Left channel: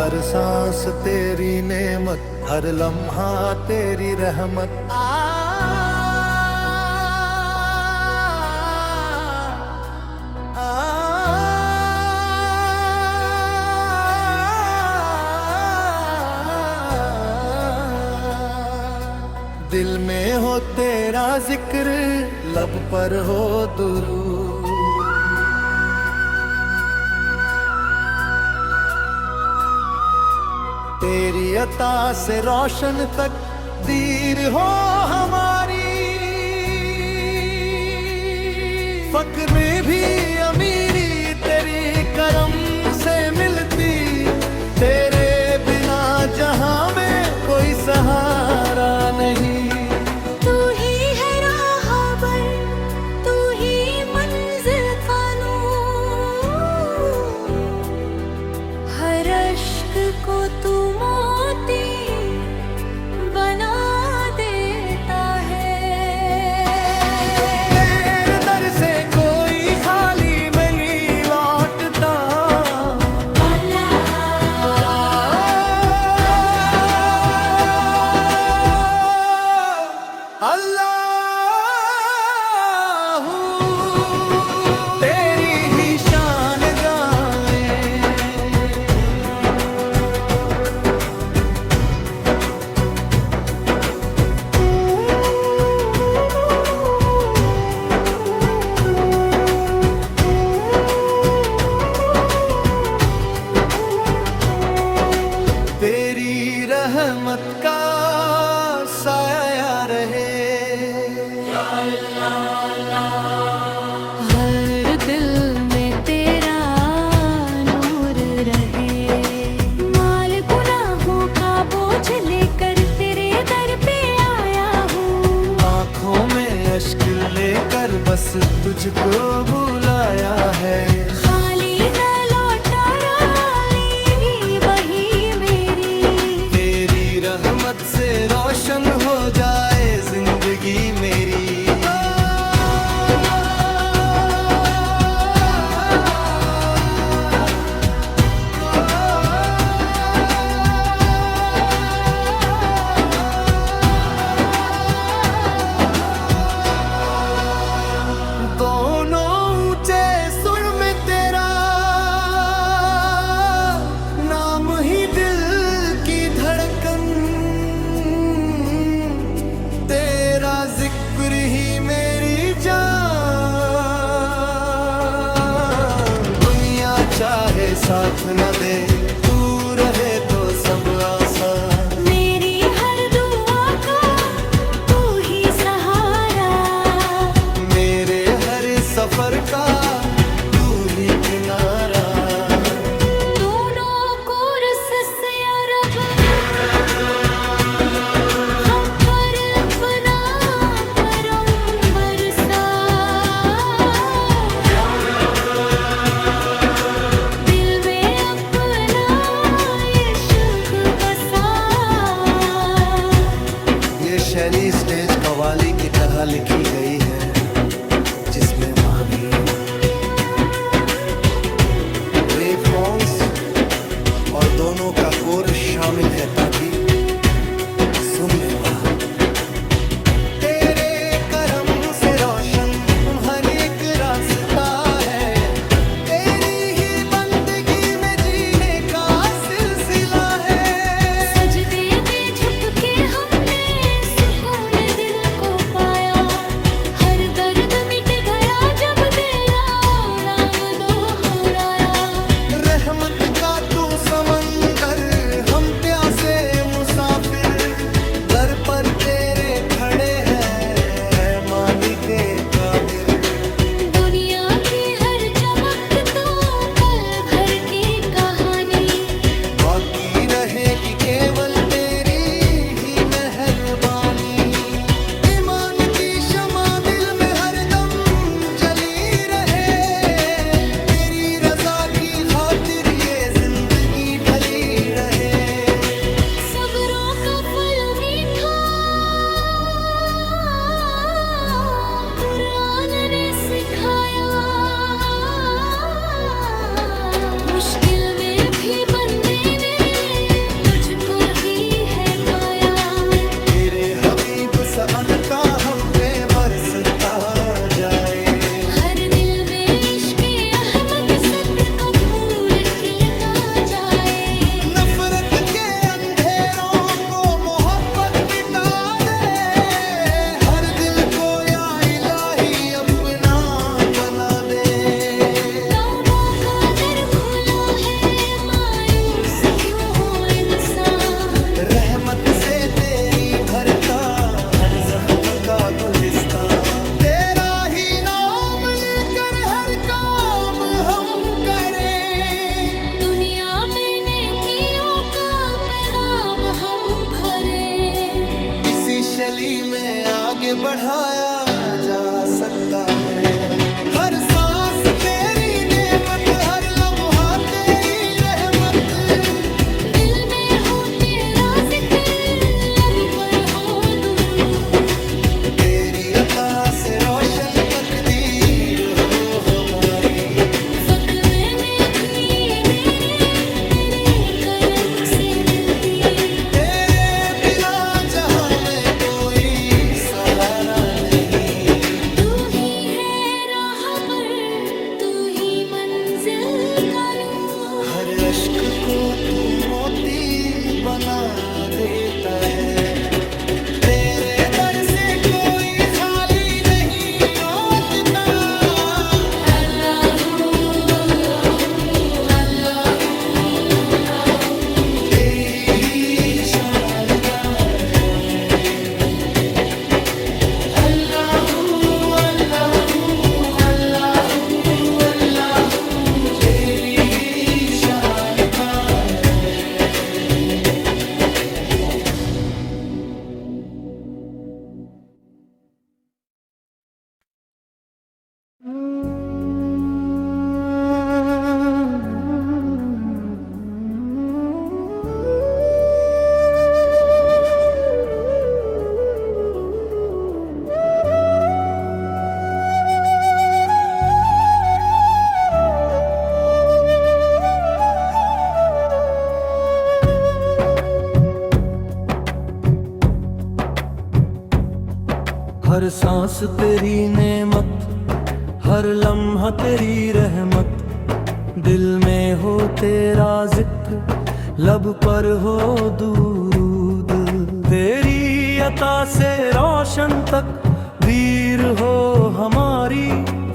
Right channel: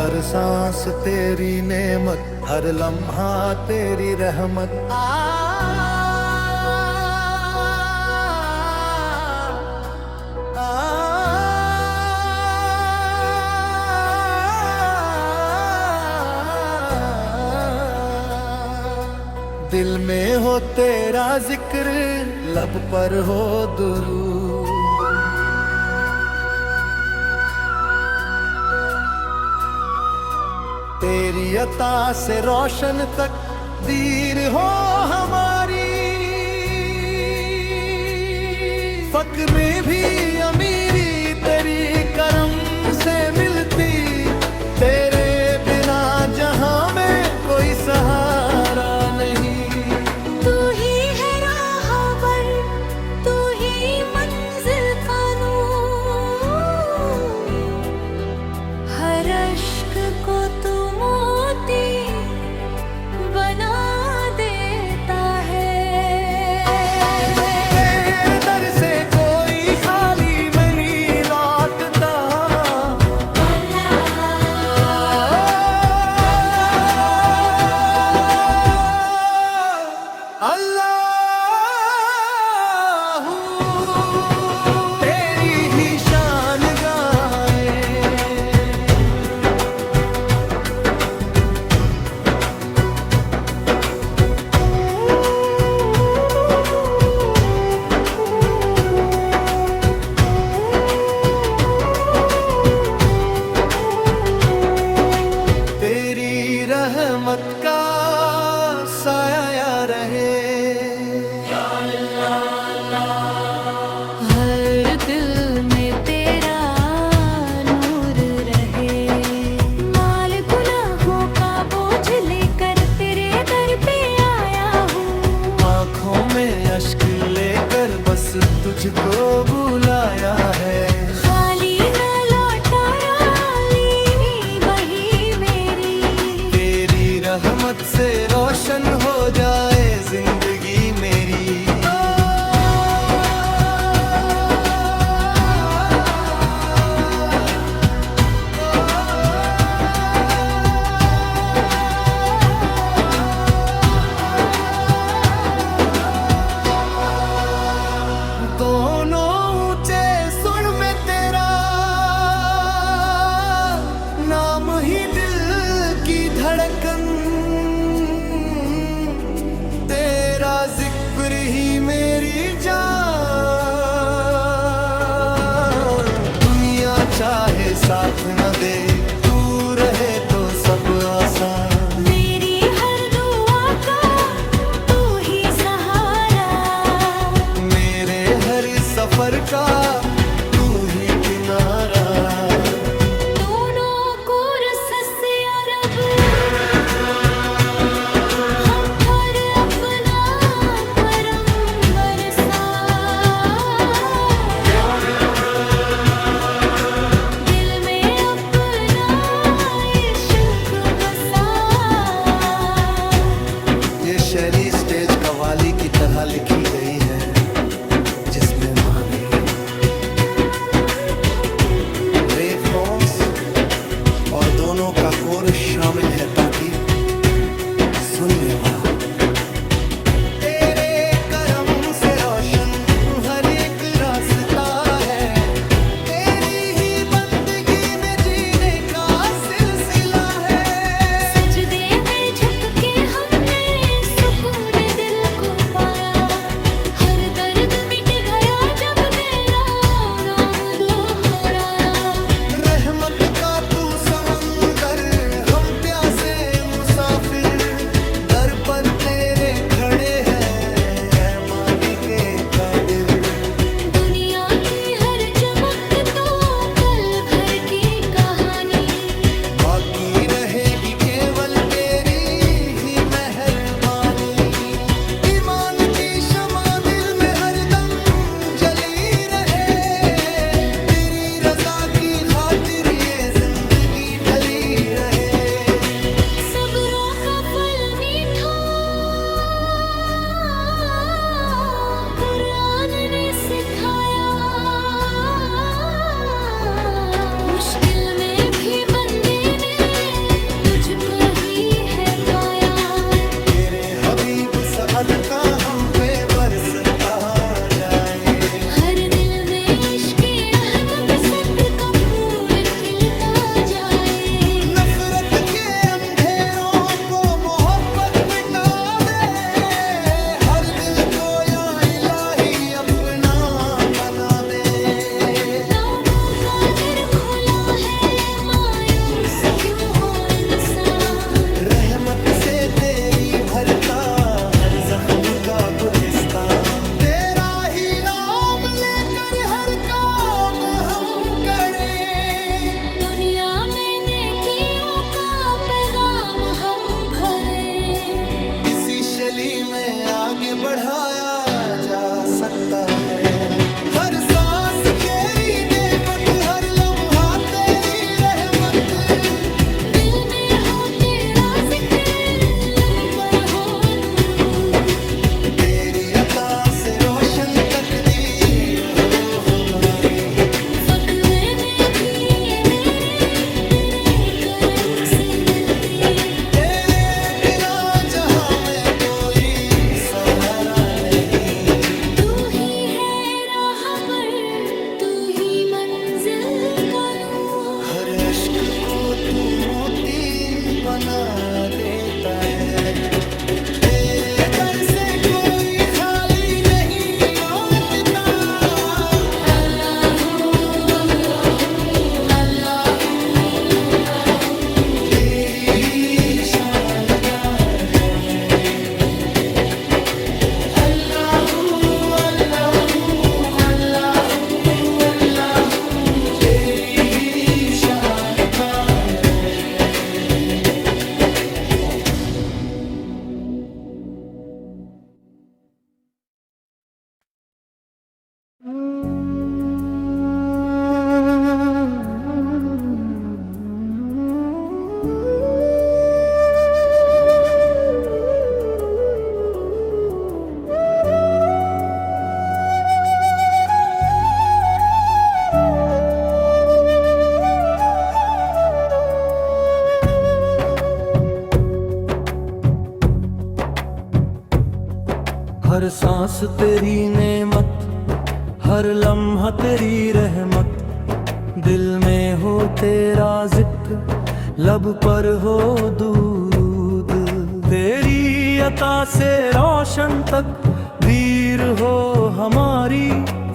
हर सांस तेरी नेमत, हर लम्हा तेरी रहमत। दिल में हो तेरा जिक्र, लब पर हो दुरूद। तेरी अता से रोशन तकदीर हो हमारी। फक्र में भी अमीरी तेरी करम से मिलती। तेरे बिना जहां में कोई सहारा नहीं। तू ही है राहबर, तू ही मंजिल का नूर। हर अश्क को तू मोती बना देता है। तेरे दर से कोई खाली नहीं लौटता। अल्लाहू तेरी ही शान गाए। तेरी रहमत का साया रहे। हर दिल में तेरा नूर रहे। माल गुनाहों का बोझ लेकर तेरे दर पे आया हूँ। आँखों में अश्क लेकर बस तुझको बुलाया है। खाली न लौटा राली बही मेरी। तेरी रहमत से रोशन हो जाए जिंदगी मेरी। दोनों ऊंचे सुर में तेरा नाम ही दिल की धड़कन। तेरा जिक्र ही मेरी जान। दुनिया चाहे साथ न दे, तू रहे तो सब आसान। मेरी हर दुआ का तू ही सहारा। मेरे हर सफर का तू ही किनारा। दोनों को रसस या रब, हम पर अपना करम बरसा। दिल में अपना इश्क बसा। ये शैली स्टेज कव्वाली की तरह लिखी गई है, जिसमें माँ भी रेप फॉर्म्स और दोनों का कोरस शामिल है, ताकि सुनने वाला तेरे करम से रोशन हर एक रास्ता है। तेरी ही बंदगी में जीने का सिलसिला है। सजदे में झुक के हमने सुकून दिल को पाया। हर दर्द मिट गया जब तेरा नाम दो हो राया। रहमत का तू समंदर, हम प्यासे मुसाफिर। दर पर तेरे खड़े हैं मालिके कादिर। दुनिया की हर चमक तो पल भर की कहानी। बाकी रहेगी केवल तेरी ही मेहरबानी। ईमान की शमा दिल में हरदम जली रहे। तेरी रजा की खातिर ये जिंदगी ढली रहे। सब्रों का फल मीठा कुरान ने सिखाया। मुश्किल में भी बंदे ने तुझको ही है पाया। तेरे हबीब साद का हम पे बरसता जाए। हर दिल में इश्क अहमद सद का फूल खिलता जाए। नफरत के अंधेरों को मोहब्बत मिटा दे। हर दिल को या इलाही अपना बना दे। तौबा का दर खुला है, मायूस क्यों हो इंसान। रहमत से तेरी भरता हर जख्म का गुलिस्तान। तेरा ही नाम लेकर हर काम हम करें। दुनिया में नेकियों का पैगाम हम भरे। इसी शली में आगे बढ़ाया जा सकता है। हर सांस तेरी नेमत, हर लम्हा तेरी रहमत। दिल में हो तेरा जिक्र, लब पर हो दुरूद। तेरी अता से रोशन तकदीर हो हमारी। फख्र में भी मेरे तेरे करम से मिलती। तेरे बिना जहां में कोई सहारा नहीं। तू ही है राहबर, तू ही मंजिल का नूर। हर अश्क को तू मोती बना देता है। तेरे दर से कोई खाली नहीं लौटता। तेरी ही शान गाए। तेरी ही शान गाए। हर सांस तेरी नेमत, हर लम्हा तेरी रहमत। दिल में हो तेरा जिक्र, लब पर हो दुरूद। तेरी अता से रोशन तक वीर हो हमारी।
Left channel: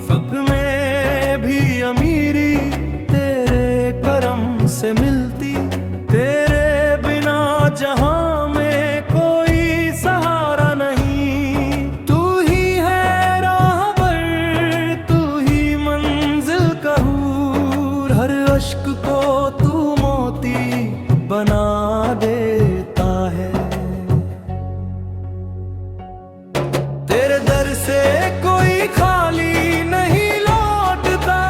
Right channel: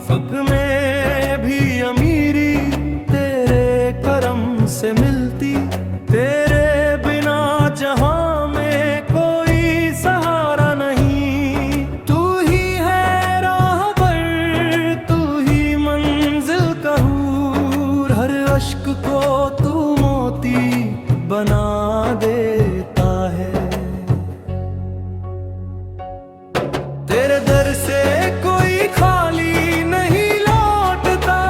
फख्र में भी अमीरी तेरे करम से मिलती। तेरे बिना जहां में कोई सहारा नहीं। तू ही है राहबर, तू ही मंजिल का हूर। हर अश्क को तू मोती बना देता है। तेरे दर से कोई खाली नहीं लौटता।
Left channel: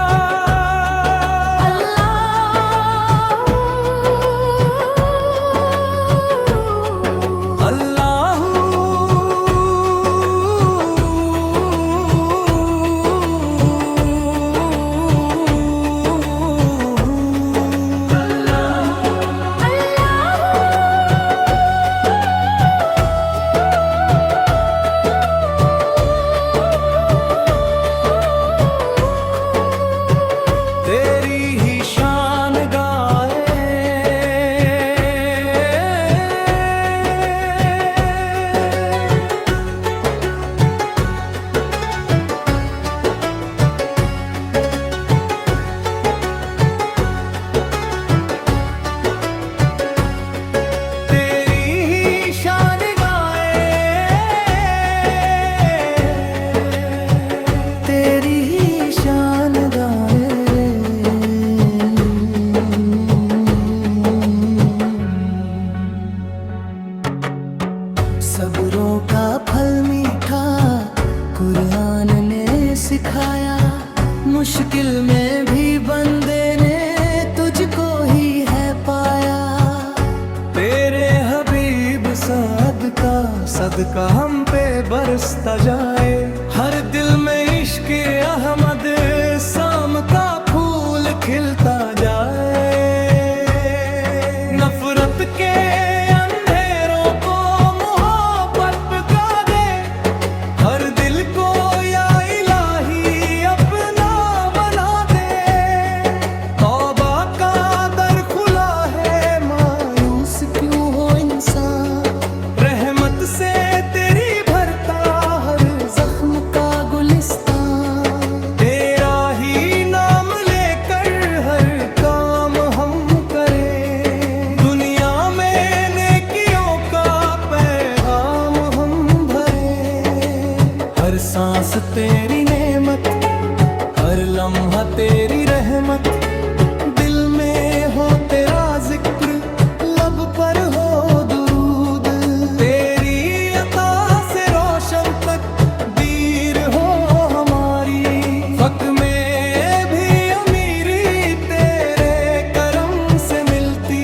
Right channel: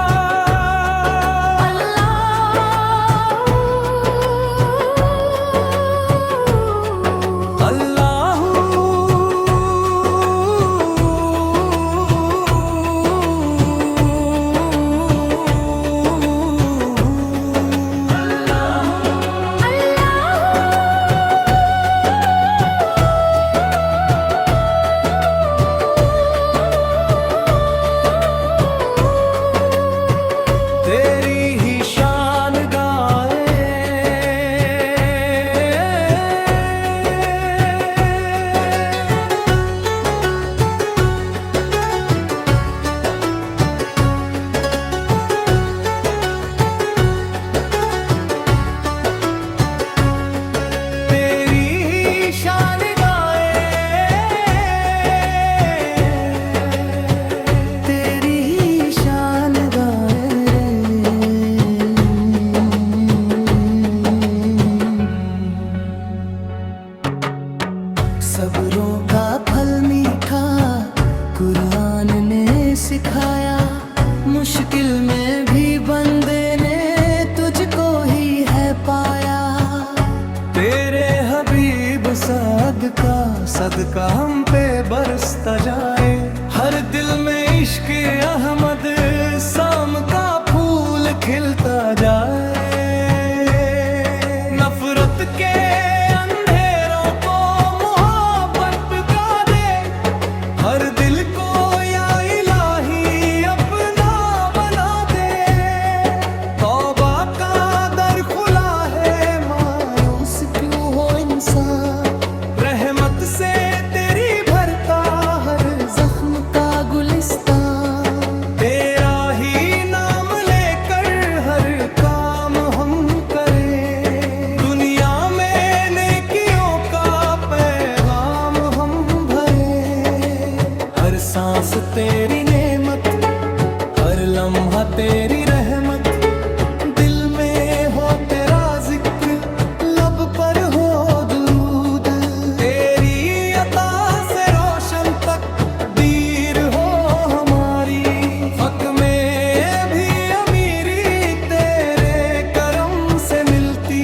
सब्रों का फल मीठा कुरान ने सिखाया। मुश्किल में भी बंदे ने तुझको ही है पाया। तेरे हबीब साद का सदका हम पे बरसता जाए। हर दिल में इश्क अहमद साम का फूल खिलता जाए। नफरत के अंधेरों को मोहब्बत का दे, हर दिल को या इलाही अपना बना दे। तौबा का दर खुला है, मायूस क्यों हो इंसान, रहमत से तेरी भरता हर जख्म का गुलिस्तान। तेरा ही नाम लेकर हर काम हम करें, दुनिया में नेकियों का पैगाम हम भरें। हर सांस तेरी नेमत, हर लम्हा तेरी रहमत, दिल में हो तेरा जिक्र, लब पर हो दुरूद। तेरी अता से रोशन तक दीर हो हमारी, हक में भी अमीरी तेरे करम से मिलती।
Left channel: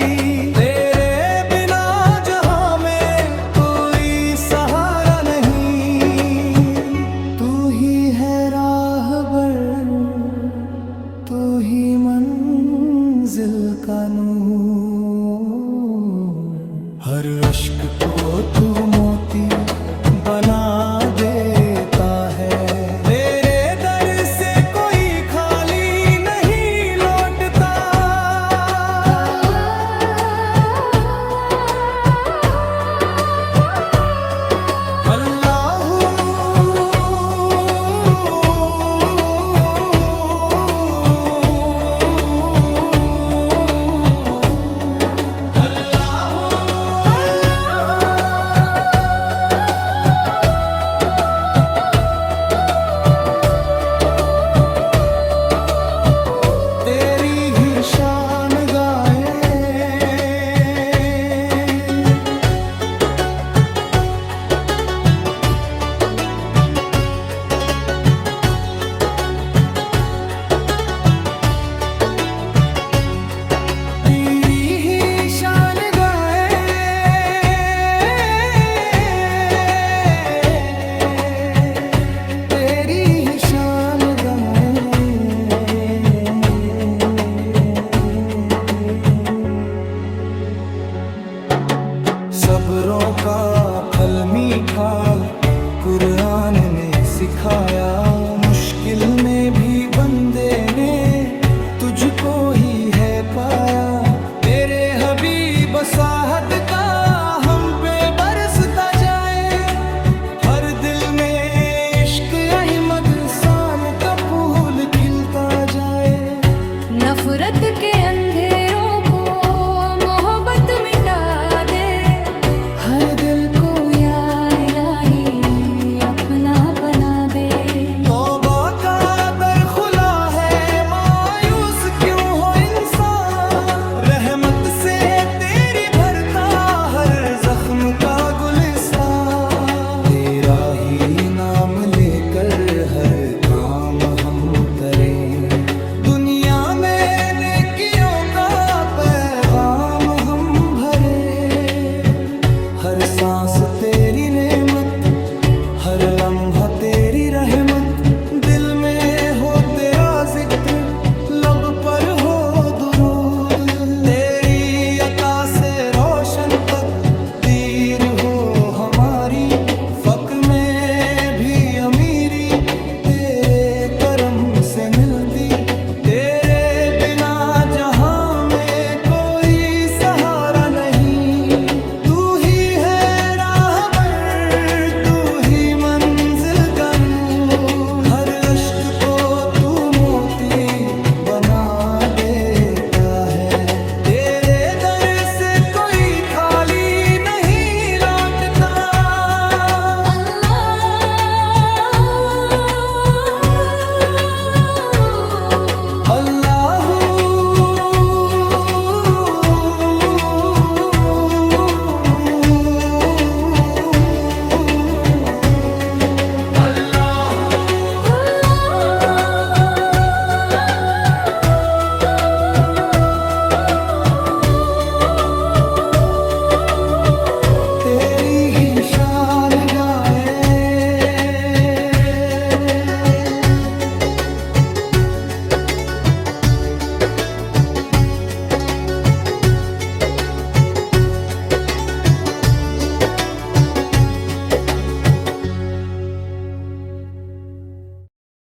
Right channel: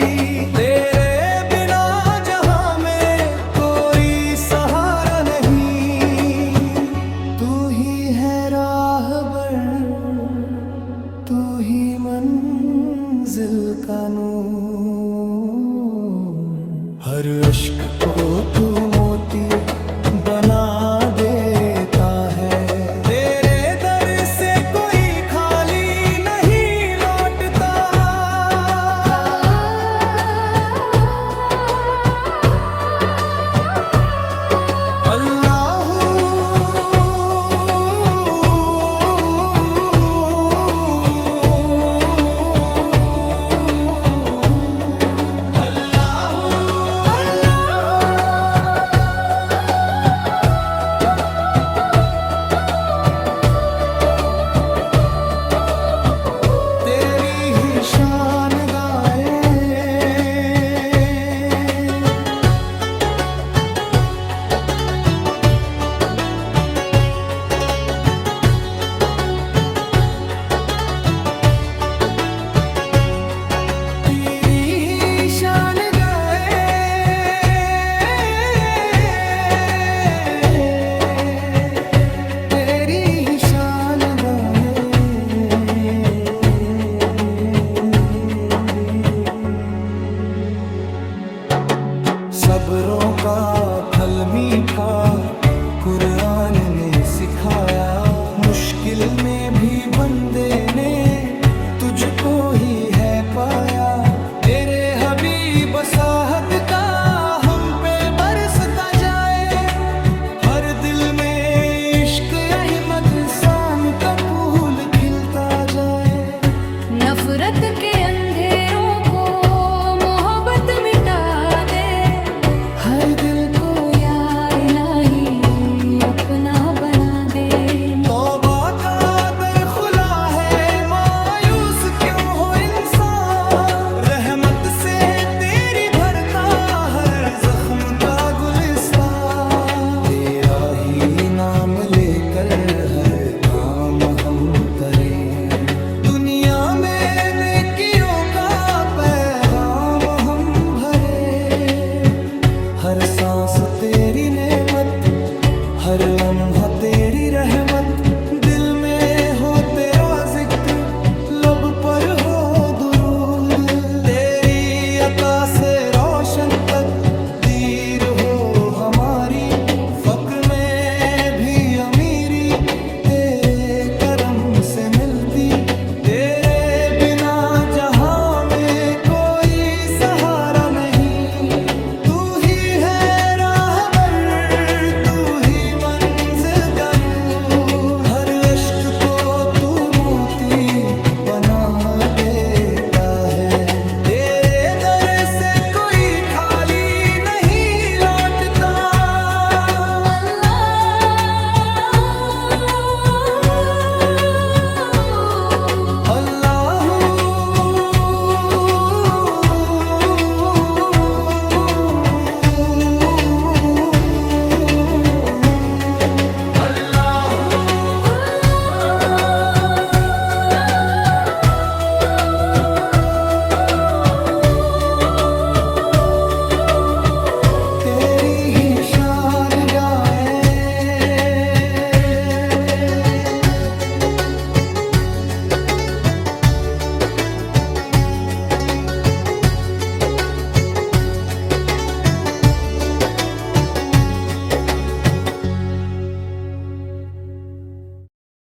तेरे बिना जहां में कोई सहारा नहीं, तू ही है राहबर, तू ही मंजिल का नूर। हर अश्क को तू मोती बना देता है, तेरे दर से कोई खाली नहीं लौटता। अल्लाह तेरी ही शान गाए, तेरी ही शान गाए, तेरी ही शान गाए। सब्रों का फल मीठा कुरान ने सिखाया, मुश्किल में भी बंदे ने तुझको ही है पाया। तेरे हबीब साहद का हम पे बरसता जाए, हर दिल में इश्क अहमद सान का फूल खिलता जाए। नफरत के अंधेरों को मोहब्बत मिटा दे, हर दिल को या इलाही अपना बना दे। तौबा का दर खुला है, मायूस क्यों हो इंसान, रहमत से तेरी भरता हर जख्म का गुलिस्तान। तेरा ही नाम लेकर हर काम हम करें, दुनिया में नेकियों का पैगाम हम भरे। हर सांस तेरी नेमत, हर लम्हा तेरी रहमत, दिल में हो तेरा जिक्र, लब पर हो दुरूद। तेरी अता से रोशन तक दीर हो हमारी, फक्र में भी अमीरी तेरे करम से मिल